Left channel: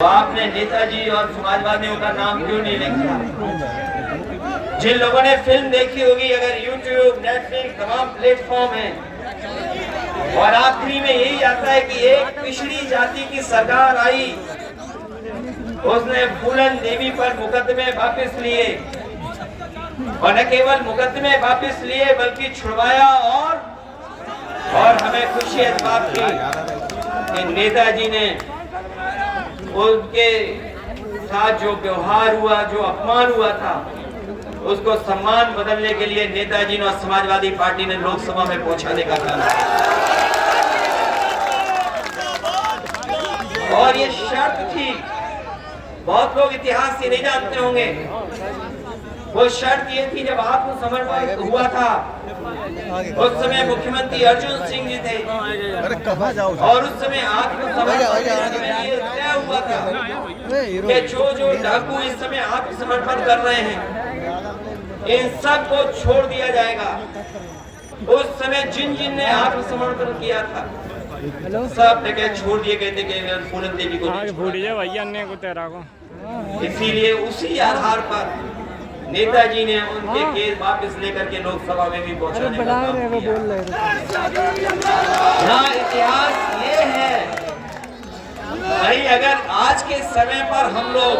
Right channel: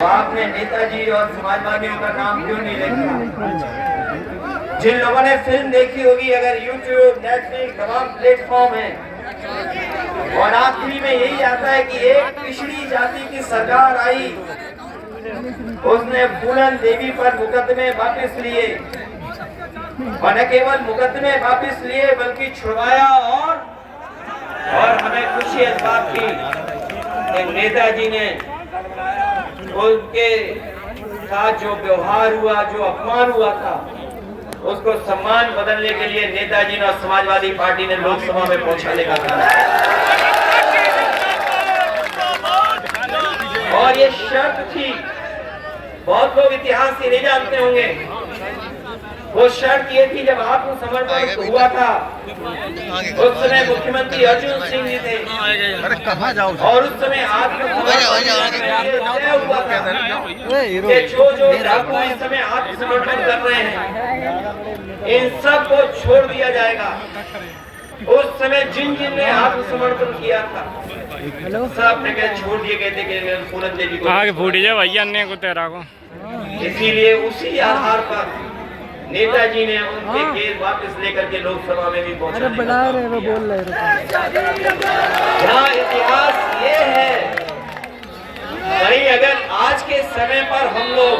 आपने नेताजी और समाजवादियों का नाम क्यों नहीं लिखा? जिन लोगों ने फिल्म देखी होगी, अगर यूट्यूब, नेटफ्लिक्स तमाम प्लेटफॉर्म है, और आखिरी में यही आता है कि एक पिछड़ी जाति की सरकार आई, उसने पूनम देवी पर मुकदमे वापस लिए, और न केवल मुकदमे वापस लिए बल्कि छुड़वाया। और हमें खुशी इस बात की कि नेताजी ने उनके साथ जो व्यवहार हुआ, जो अपमान हुआ था, उसको सम्मान बदलने के लिए नेताजी ने और समाजवादी पार्टी ने लोकसभा में पहुंचाने का काम किया। और ये शर्त थी, बहुत लोग इतिहास से नहीं जानते होंगे, वो शर्त ये थी जब आत्मसमर्पण हुआ था, उस समय मुख्यमंत्री अर्जुन सिंह जी थे, और उस समय आत्मसमर्पण हुआ था कि जो डाकू इस समय आत्मसमर्पण कर रहे हैं, इन सब को छोड़ दिया जाएगा। उस समय जिन ने आत्मसमर्पण किया था, सब जगह छोड़ दिए गए थे कि पूनम देवी को आगे फूट जाए भैया अन्य को तेरा को। इसीलिए उसी आधार पर नेताजी ने उनके केस वापस लेकर के लोकसभा में भी पहुंचाने का काम किया। जहाँ इतिहास ये है, कहीं अगर आज के समय पर हम लोग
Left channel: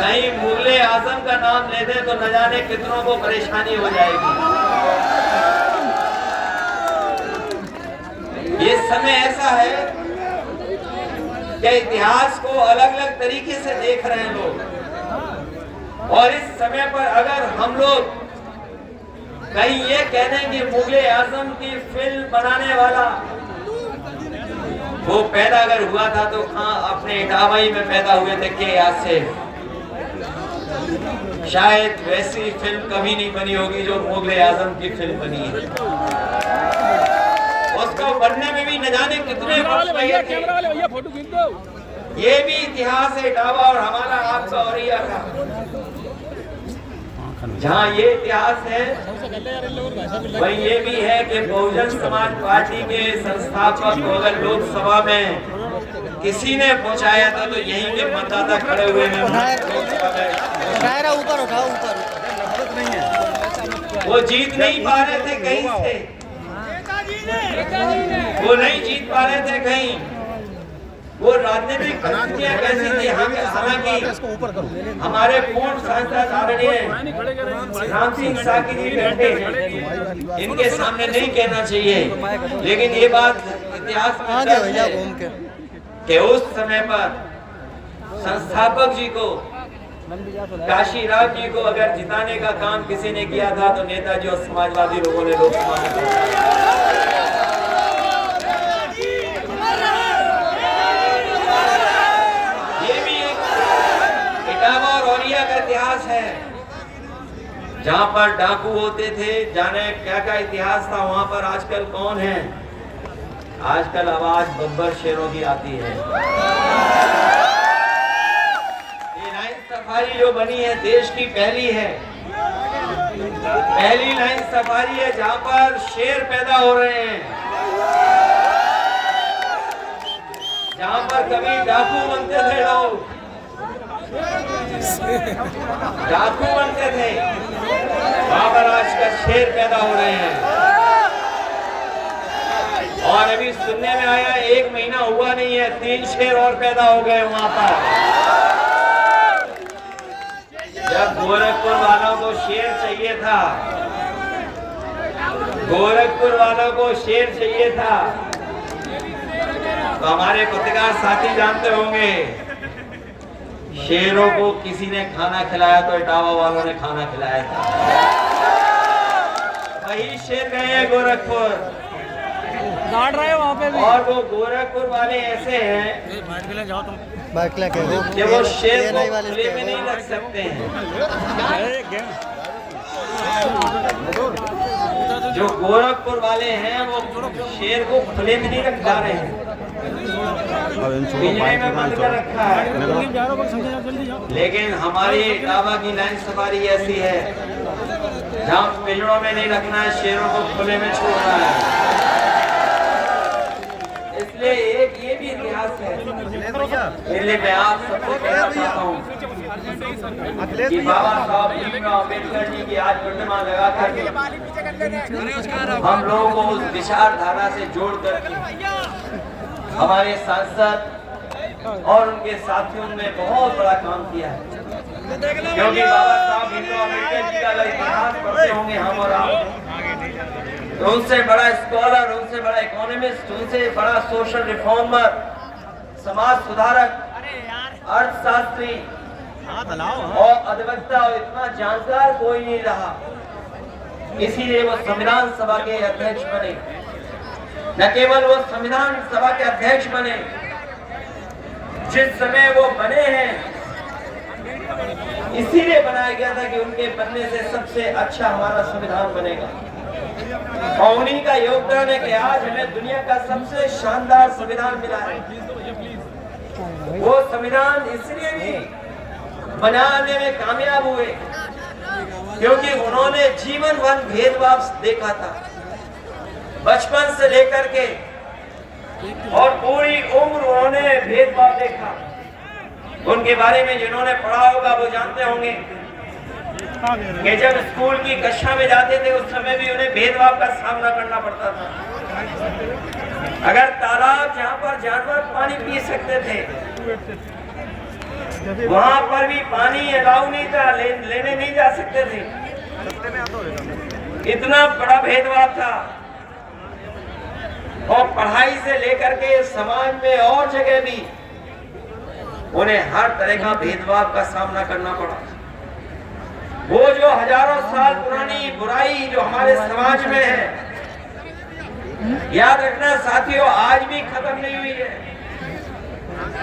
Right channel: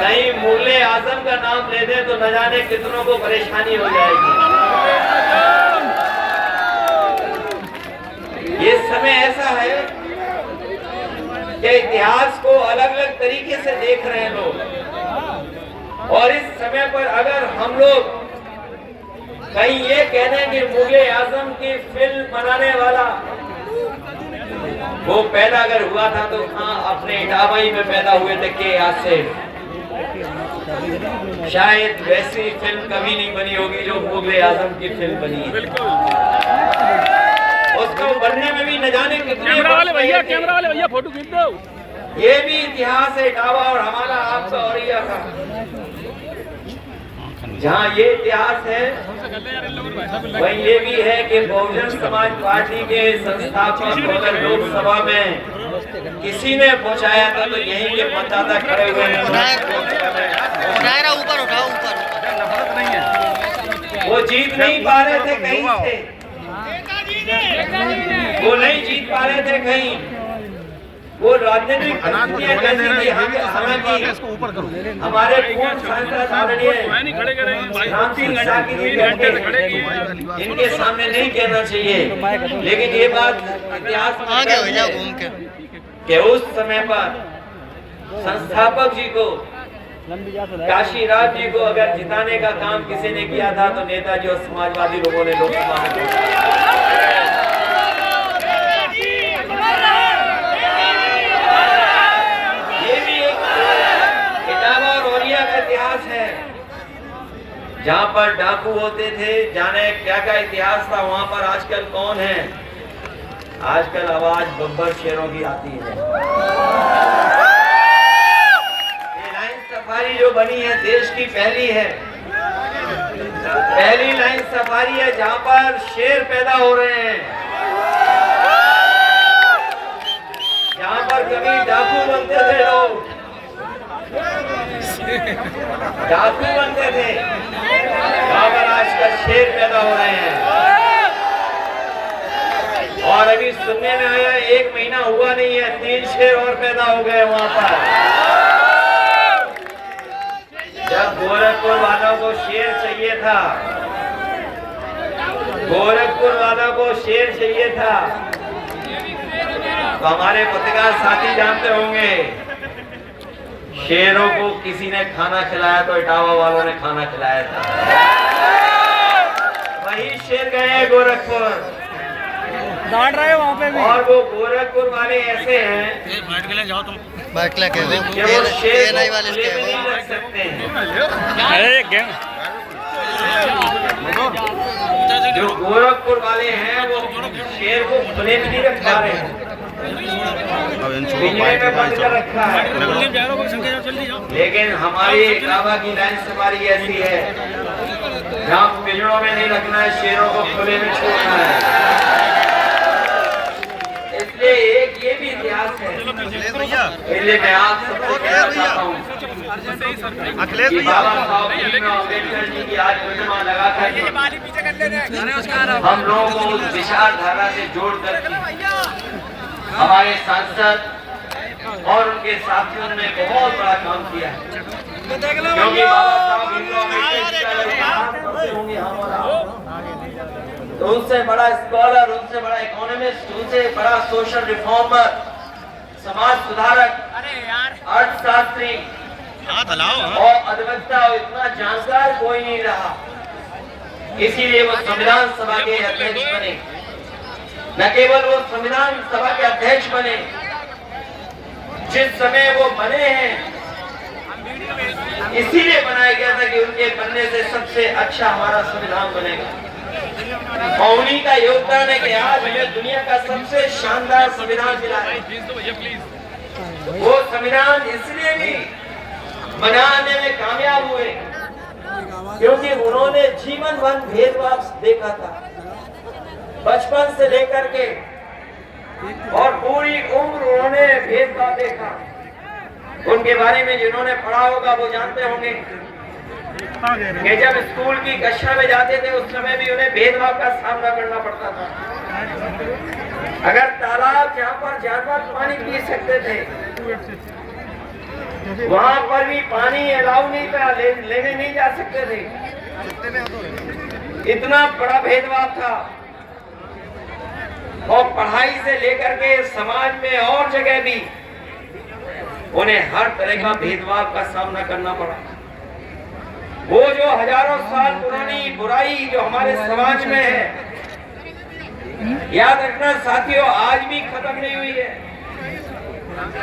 कहीं मुगले आजम का नाम ले दें तो न जाने कितनों को परेशानी हो जाएगी। ये समय ऐसा है कि इतिहास को अलग अलग तरीके से देख रहे हैं लोग, और इस समय पर अगर हम लोग कहीं ये कह दें कि मुगले आजम की फिल्म बनाने वाला वो पैदा अगर हुआ था तो अपने इटावाई में पैदा हुए थे के आज से, शायद वैसी फिल्म कभी नहीं बनी होगी जो मुगले आजम की फिल्म बनी है। उसको बनने में भी न जाने कितने भैया फोटो खींच दो। ये भी इतिहास है इटावा और हमारा आपका औरिया का। जहाँ ये इतिहास है, वही ये भी है कि बहुजन समाज पार्टी के संस्थापक को अगर लोकसभा में किसी ने पहुंचाया था तो यही के मतदाता खड़े हुए हैं। ऊपर उठाओ, ऊपर वो जीत नहीं पा रहे थे कहीं से, वो नहीं जीत पा रहे थे कहीं। वो राजनीतिक परिस्थितियां कैसी थी, हमारे पूर्व सांसद आदरणीय राम सिंह साकी जी बैठे, इनके सामने नहीं कहना चाहिए, लेकिन ये बात इतिहास में कि उस समय पर संस्थापक जी को, काशी राज जी को अगर जिताने का काम किसी ने किया था तो नेताजी और समाजवादी लोगों ने लोकसभा में। इतिहास है जहाँ पर डाकू होते थे, जाने क्या क्या इतिहास था वहाँ पर। आजकल कौन है? आजकल आवाज बब्बर शेरों की आती है। ये लाइन सफारी जो बनी है देश की पहली है, पहली लाइन सफारी है जहाँ पर शेर पैदा हो रहे हैं, जहाँ पर कभी डाकू बनते थे लोग, डाकू बनते थे, वहां पर आजकल शेर पैदा हो रहे हैं। और अभी सुनने में आया 1 महीना हुआ नहीं है, 3 शेर और पैदा हो गए वहां पर। जब गोरखपुर वालों को शेर चाहिए था, गोरखपुर वालों को शेर चाहिए था, तो हमारे पत्रकार साथी जानते होंगे, शेरों को किसी ने खाना खिलाया तो इटावा वालों ने खाना खिलाया था। वही शेर गए हैं गोरखपुर, डांट रहे वहाँ पे भी। और वो गोरखपुर वाले ऐसे हैं कि वो शेर को खुले में नहीं रख सकते हैं। जो गोरखपुर वाले हैं वो शेर को खुले में नहीं रख पा रहे हैं, रखा है। लेकिन हमारी इटावा की लाइन सफारी ऐसी है जहाँ पिंजरों में नहीं रखना है, शेरों को खुले में छोड़ना है। इसलिए एक ये भी इतिहास है, इसलिए मैं आप सबको कहना चाहता हूँ कि बाबा साहब भीमराव अम्बेडकर जी की आज प्रतिमा लगा कर हम लोगों को उस विचारधारा से जोड़ कर हमारे सांसद और उनके साथियों ने बहुत बड़ा काम किया है, क्योंकि बाबा साहब भीमराव अम्बेडकर जी का इतिहास पढ़ते होंगे हम और आप, तो उनसे बड़ा स्कॉलर, उनसे बड़ा इकोनॉमिस्ट, उनसे बड़ा सोशल रिफॉर्मर, समाज सुधारक, अर्थशास्त्री और अधिवक्ता इतना जानकार कोई नहीं रहा। इसीलिए वो संविधान सभा के अध्यक्ष बने। न केवल वो संविधान सभा के अध्यक्ष बने, जिस समय वो बने हैं इसीलिए बनाया गया था कि उनके बनने से सबसे अच्छा हमारा संविधान बनेगा, और उन्हीं का योगदान है कि आज हमें दुनिया का सबसे शानदार संविधान मिला है। वो संविधान इसलिए भी बनाने में कामयाब हुए क्योंकि उन्होंने जीवन भर भेदभाव देखा था, बचपन से लेकर के और पूरी उम्र उन्होंने भेदभाव देखा। उनके बारे में जिन्होंने पढ़ा होगा वो जानते होंगे कि जब स्कूल की कक्षा में जाते थे उस समय भी उन्हें भेदभाव का सामना करना पड़ता था। अगर तालाब जहाँ पर जानवर पानी पी सकते थे वहां पर भी पानी अलाउ नहीं था, लेने नहीं जा सकते थे। इतना बड़ा भेदभाव था, और पढ़ाई से लेकर के समाज में और जगह भी उन्हें हर तरह का भेदभाव का सामना करना पड़ा। वो जो हजारों साल पुरानी बुराई जो हमारे समाज में है, याद रखना साथियों, आज भी खत्म नहीं हुई है।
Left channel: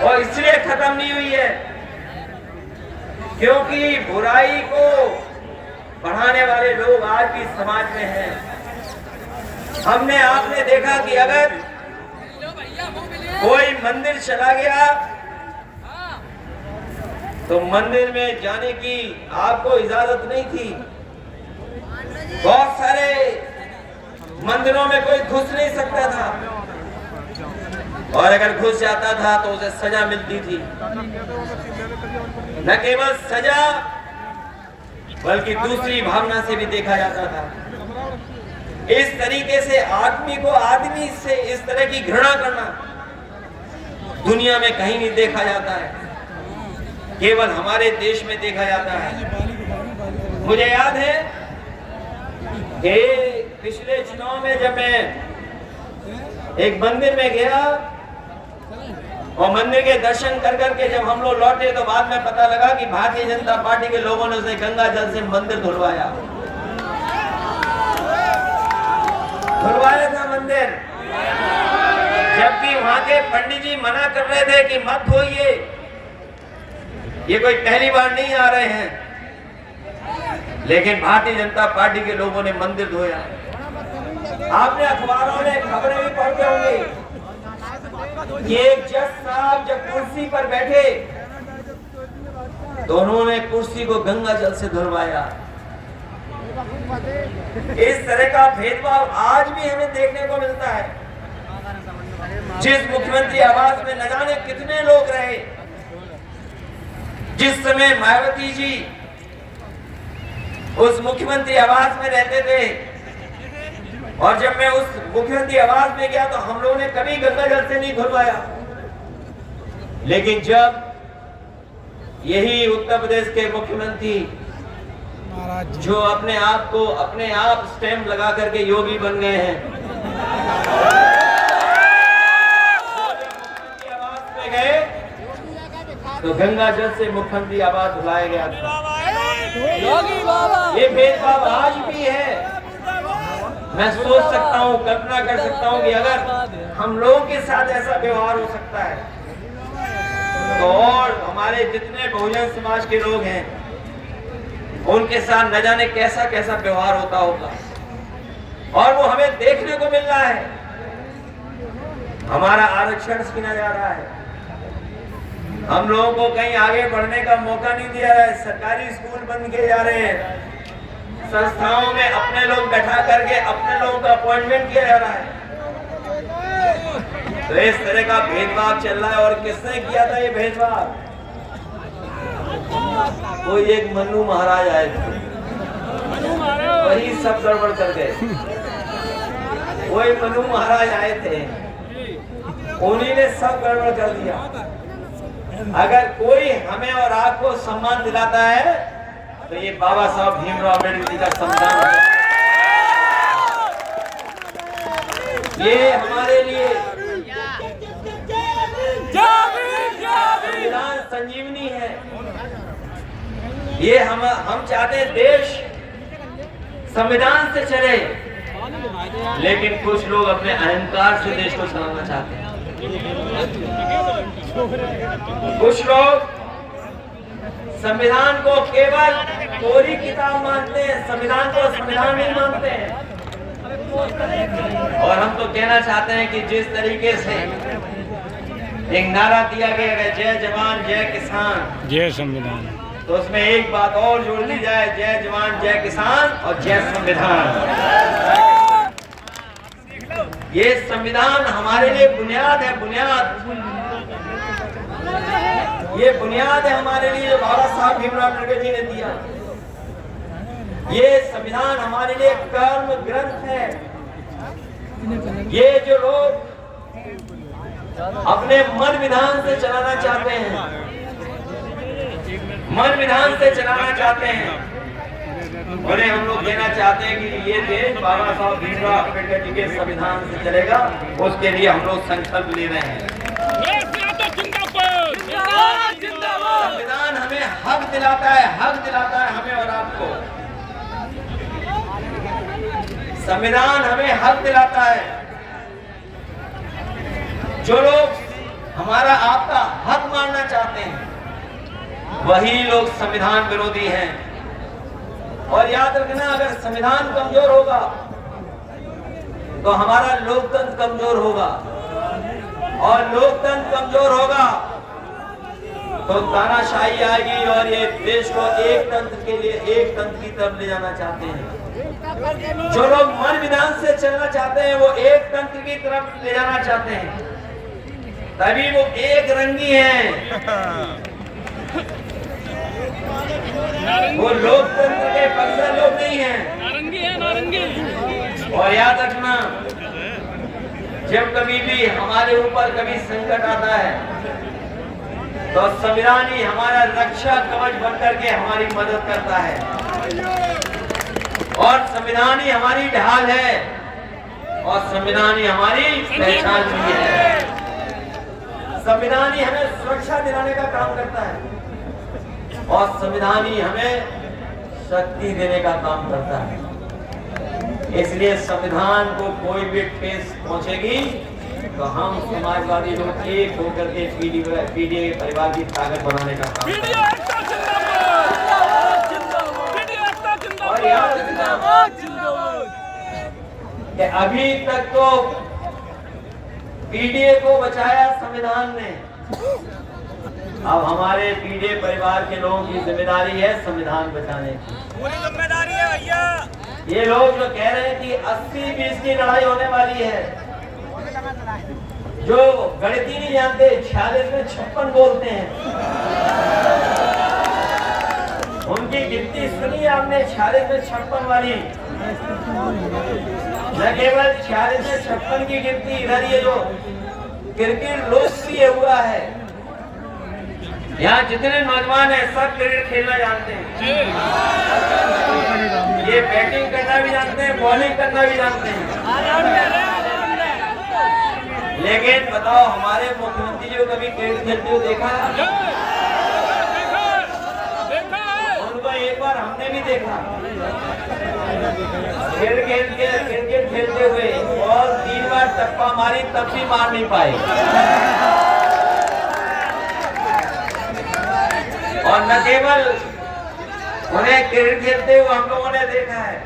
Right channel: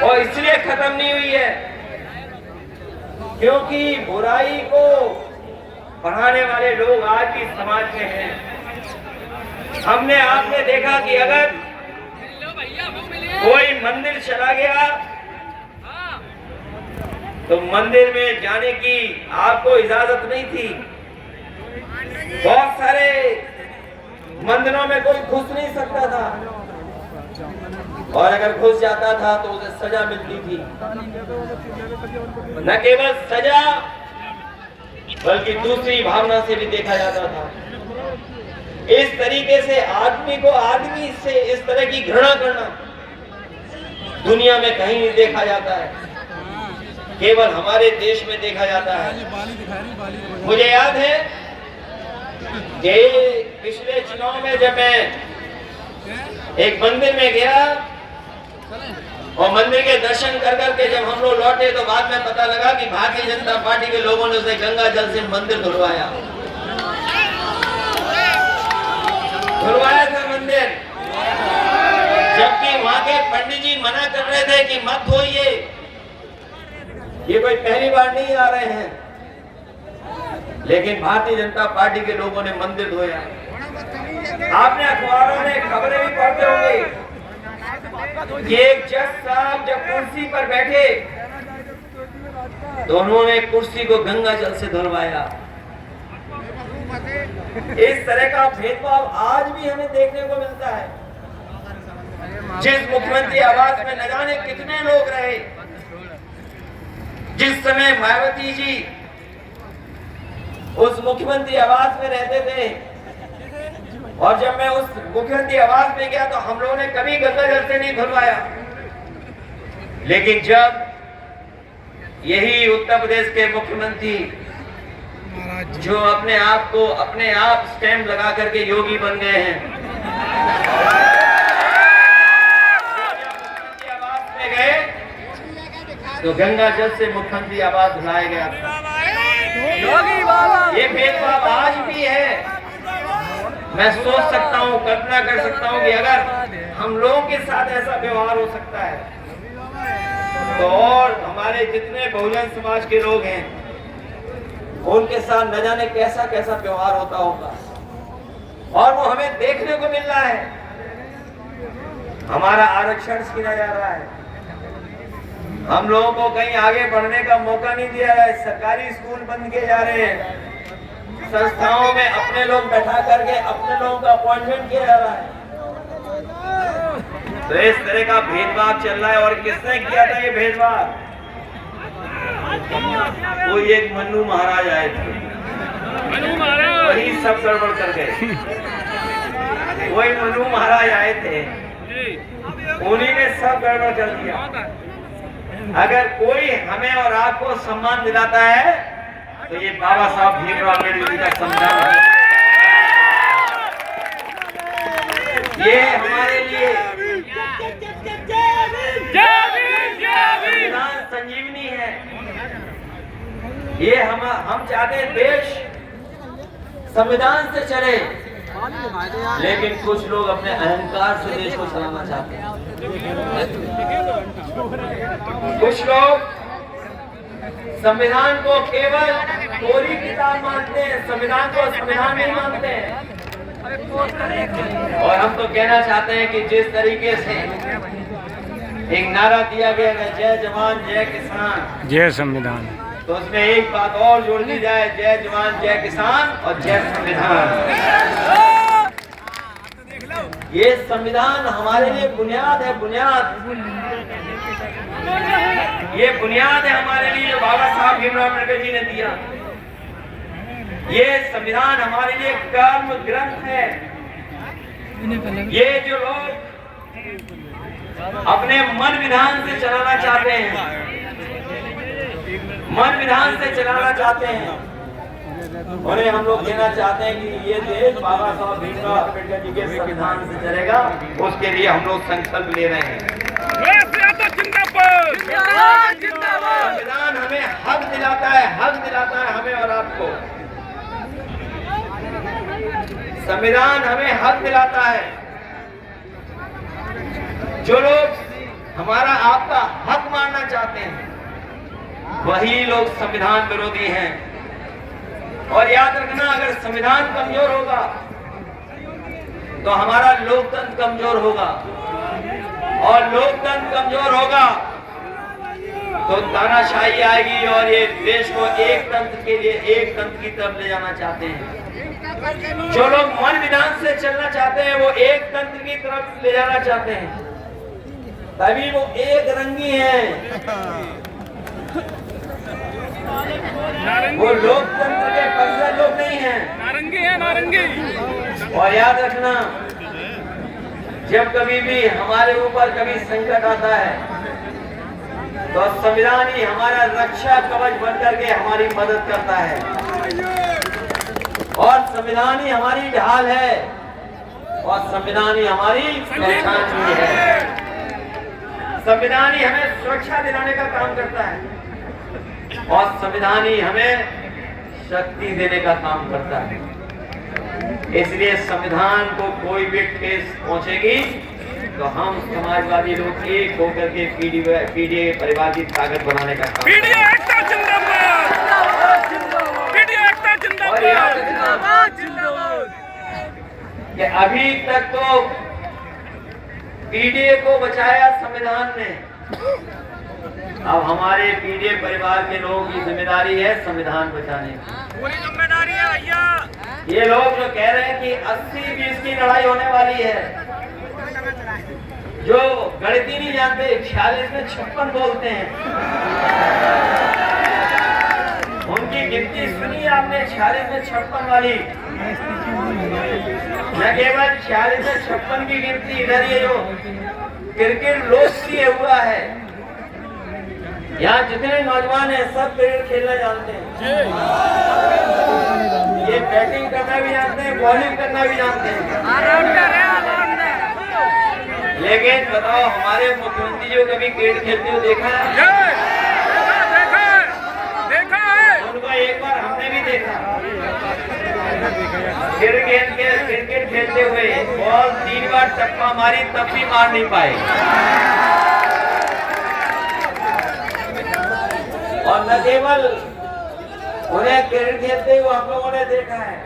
और इसलिए खत्म नहीं हुई है क्योंकि बुराई को बढ़ाने वाले लोग आज भी समाज में हैं। हमने आपने देखा कि अगर कोई मंदिर चला गया तो मंदिर में जाने की आपको इजाजत नहीं थी। बहुत सारे मंदिरों में कोई घुस नहीं सकता था, और अगर घुस जाता था तो उसे सजा मिलती थी। न केवल सजा बल्कि दूसरी भावना से भी देखा जाता था। इस तरीके से आदमी को आदमी से इस तरह की घृणा करना दुनिया में कहीं नहीं देखा जाता है, केवल हमारे देश में देखा जाता है। मुझे याद है कि पिछले चुनाव में जब मैं एक मंदिर में गया और मंदिर के दर्शन कर करके जब हम लोग लौटे तो बाद में पता लगा कि भारतीय जनता पार्टी के लोगों ने उसे गंगा जल से मंदिर धुलवाया था मंदिर, जबकि वहां के पंडित जी मना कर रहे थे कि मत धोइए, ये कोई पहली बार नहीं आ रहे हैं। लेकिन भारतीय जनता पार्टी के लोगों ने मंदिर धोया। आपने अखबारों में खबरें भी पढ़ते होंगे कि एक जज साहब जब कुर्सी पर बैठे तो उन्होंने कुर्सी को गंगा जल से धुलवाया। इस तरह का भेदभाव आज भी हमें देखने को मिलता है। जिस मुख्यमंत्री आवास में न जाने कितने लोग रहे, जिस समय मायावती जी उस मुख्यमंत्री आवास में रहते थे, और जब मैं उस मुख्यमंत्री आवास में गया तो हम लोगों ने कभी गंगा जल से नहीं धुलवाया। लेकिन जब यही उत्तर प्रदेश के मुख्यमंत्री जो अपने आप स्टैंप लगा करके योगी बन गए हैं, मुख्यमंत्री आवास में गए तो गंगा जल से मुख्यमंत्री आवास धुलाया गया था। ये भेदभाव आज भी है। मैं सोच सकता हूँ, कल्पना कर सकता हूँ कि अगर हम लोगों के साथ ऐसा व्यवहार हो सकता है तो और हमारे जितने बहुजन समाज के लोग हैं उनके साथ न जाने कैसा कैसा व्यवहार होता होगा। और वो हमें देखने को मिल रहा है। हमारा आरक्षण छीना जा रहा है, हम लोगों को कहीं आगे बढ़ने का मौका नहीं दिया रहा है। सरकारी स्कूल बंद किए जा रहे हैं, संस्थाओं में अपने लोग बैठा करके अपने लोगों का अपॉइंटमेंट किया जा रहा है। तो इस तरह का भेदभाव चल रहा है। और किसने किया था ये भेदभाव? कोई एक मन्नू महाराज आए थे, वही सब गड़बड़ कर गए। कोई मन्नू महाराज आए थे, उन्हीं ने सब गड़बड़ कर दिया। अगर कोई हमें और आपको सम्मान दिलाता है तो ये बाबा साहब भीमराव अम्बेडकर जी का संविधान है। ये हमारे लिए संविधान संजीवनी है। ये हम चाहते हैं देश संविधान से चले, लेकिन कुछ लोग अपने अहंकार से देश को चलाना चाहते हैं। कुछ लोग संविधान को केवल कोरी किताब मानते हैं, संविधान को संविधान नहीं मानते हैं। और हम तो कहना चाहते हैं कि जिस तरीके से एक नारा दिया गया है, जय जवान जय किसान जय संविधान, तो उसमें एक बात और जोड़ दी जाए, जय जवान जय किसान और जय संविधान। ये संविधान हमारे लिए बुनियाद है, बुनियाद। ये बुनियाद है हमारे लिए जो बाबा साहब भीमराव अम्बेडकर जी ने दिया। ये संविधान हमारे लिए कर्म ग्रंथ है। ये जो लोग अपने मन विधान से चलाना चाहते हैं, मन विधान से चलाना चाहते हैं, उन्हें हम लोग कहना चाहते हैं कि ये देश बाबा साहब भीमराव अम्बेडकर जी के संविधान से चलेगा। उसके लिए हम लोग संकल्प ले रहे हैं। संविधान हमें हक दिलाता है, हक दिलाता है हमें और आपको। संविधान हमें हक दिलाता है। जो लोग हमारा आपका हक मानना चाहते हैं, वही लोग संविधान विरोधी हैं। और याद रखना, अगर संविधान कमजोर होगा तो हमारा लोकतंत्र कमजोर होगा, और लोकतंत्र कमजोर होगा तो तानाशाही आएगी। और ये देश को एक तंत्र के लिए, एक तंत्र की तरफ ले जाना चाहते हैं। जो लोग मन विधान से चलना चाहते हैं, वो एक तंत्र की तरफ ले जाना चाहते हैं, तभी वो एक रंगी हैं। वो लोकतंत्र के पक्ष लोग नहीं हैं, नारंगी है, नारंगी। और याद रखना, जब कभी भी हमारे ऊपर कभी संकट आता है तो संविधान ही हमारा रक्षा कवच बनकर के हमारी मदद करता है। और संविधान ही हमारी ढाल है, और संविधान ही हमारी पहचान भी है। संविधान ही हमें सुरक्षा दिलाने का काम करता है, और संविधान ही हमें शक्ति देने का काम करता है। इसलिए संविधान को कोई भी ठेस पहुंचेगी तो हम समाजवादी लोग एक होकर के पीडीए परिवार की ताकत बनाने का काम। और याद कि अभी तक तो पीडीए को बचाया संविधान ने, अब हमारे पीडीए परिवार के लोगों की जिम्मेदारी है संविधान बचाने की। पूरी जिम्मेदारी है भैया। ये लोग जो कह रहे हैं कि 80-20 की लड़ाई होने वाली है, जो गणित ही नहीं जानते, 46 में 56 बोलते हैं। उनकी गिनती सुनी आपने, 46 में 56 वाली। न केवल 46 में 56 की गिनती, इधर ये जो क्रिकेट लोकप्रिय हुआ है, यहाँ जितने नौजवान हैं सब क्रिकेट खेलना जानते हैं। ये बैटिंग करना भी जानते हैं, बॉलिंग करना भी जानते हैं। लेकिन बताओ, हमारे मुख्यमंत्री जो कभी क्रिकेट खेलते हुए देखा है? उनका एक बार हमने भी देखा क्रिकेट खेलते हुए, और 3 बार टप्पा मारी तब भी मार नहीं पाए। और न केवल उन्हें क्रिकेट खेलते हुए हम लोगों ने देखा है,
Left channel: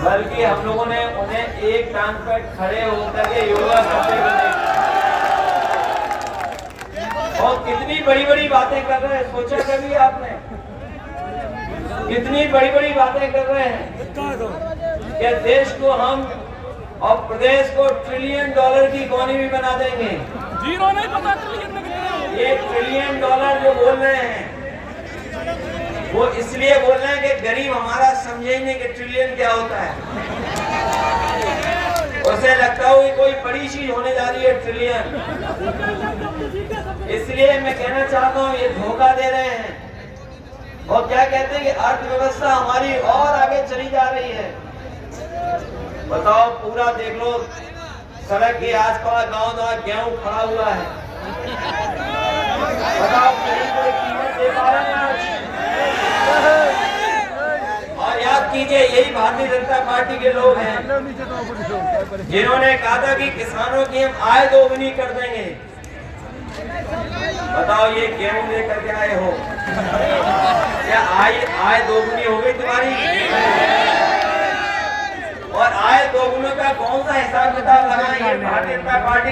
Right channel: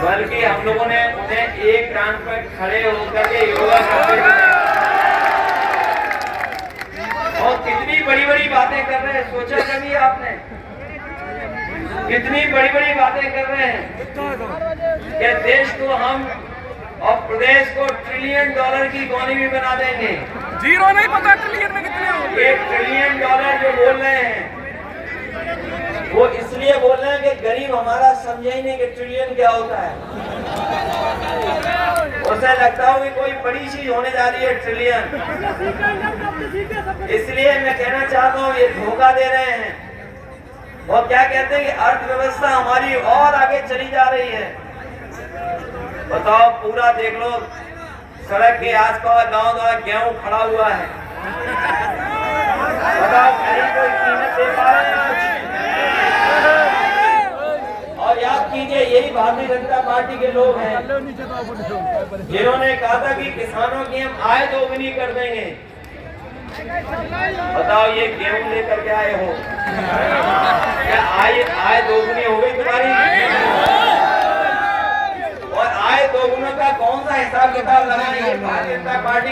बल्कि हम लोगों ने उन्हें एक टांग पर खड़े होकर के योगा करते हुए, और कितनी बड़ी बड़ी बातें कर रहे हैं। सोचा कभी आपने, कितनी बड़ी बड़ी बातें कर रहे हैं कि देश को हम और प्रदेश को $1 ट्रिलियन की इकोनॉमी बना देंगे। जीरो नहीं पता ट्रिलियन में कितने होंगे। $1 ट्रिलियन जो बोल रहे हैं वो इसलिए बोल रहे हैं कि गरीब हमारा समझे ही नहीं कि ट्रिलियन क्या होता है। उसे लगता है कोई बड़ी चीज होने जा रही है ट्रिलियन। इसलिए मैं कहना चाहता हूँ ये धोखा दे रहे हैं और क्या कहते हैं कि अर्थव्यवस्था हमारी और आगे चली जा रही है। बताओ पूरा देख लो, सड़क के आसपास गांव गेहूं खड़ा हुआ है। बताओ कहीं कोई कीमत दे पा रहे हैं आज? और याद कीजिए यही भारतीय जनता पार्टी के लोग हैं जिन्होंने कहा था कि किसानों की हम आय दोगुनी कर देंगे। बताओ ये गेहूं लेकर के आए हो, क्या आय दोगुनी हो गई तुम्हारी? और आय दोगुना का कौन सा हिसाब किताब लगाएंगे भारतीय जनता पार्टी?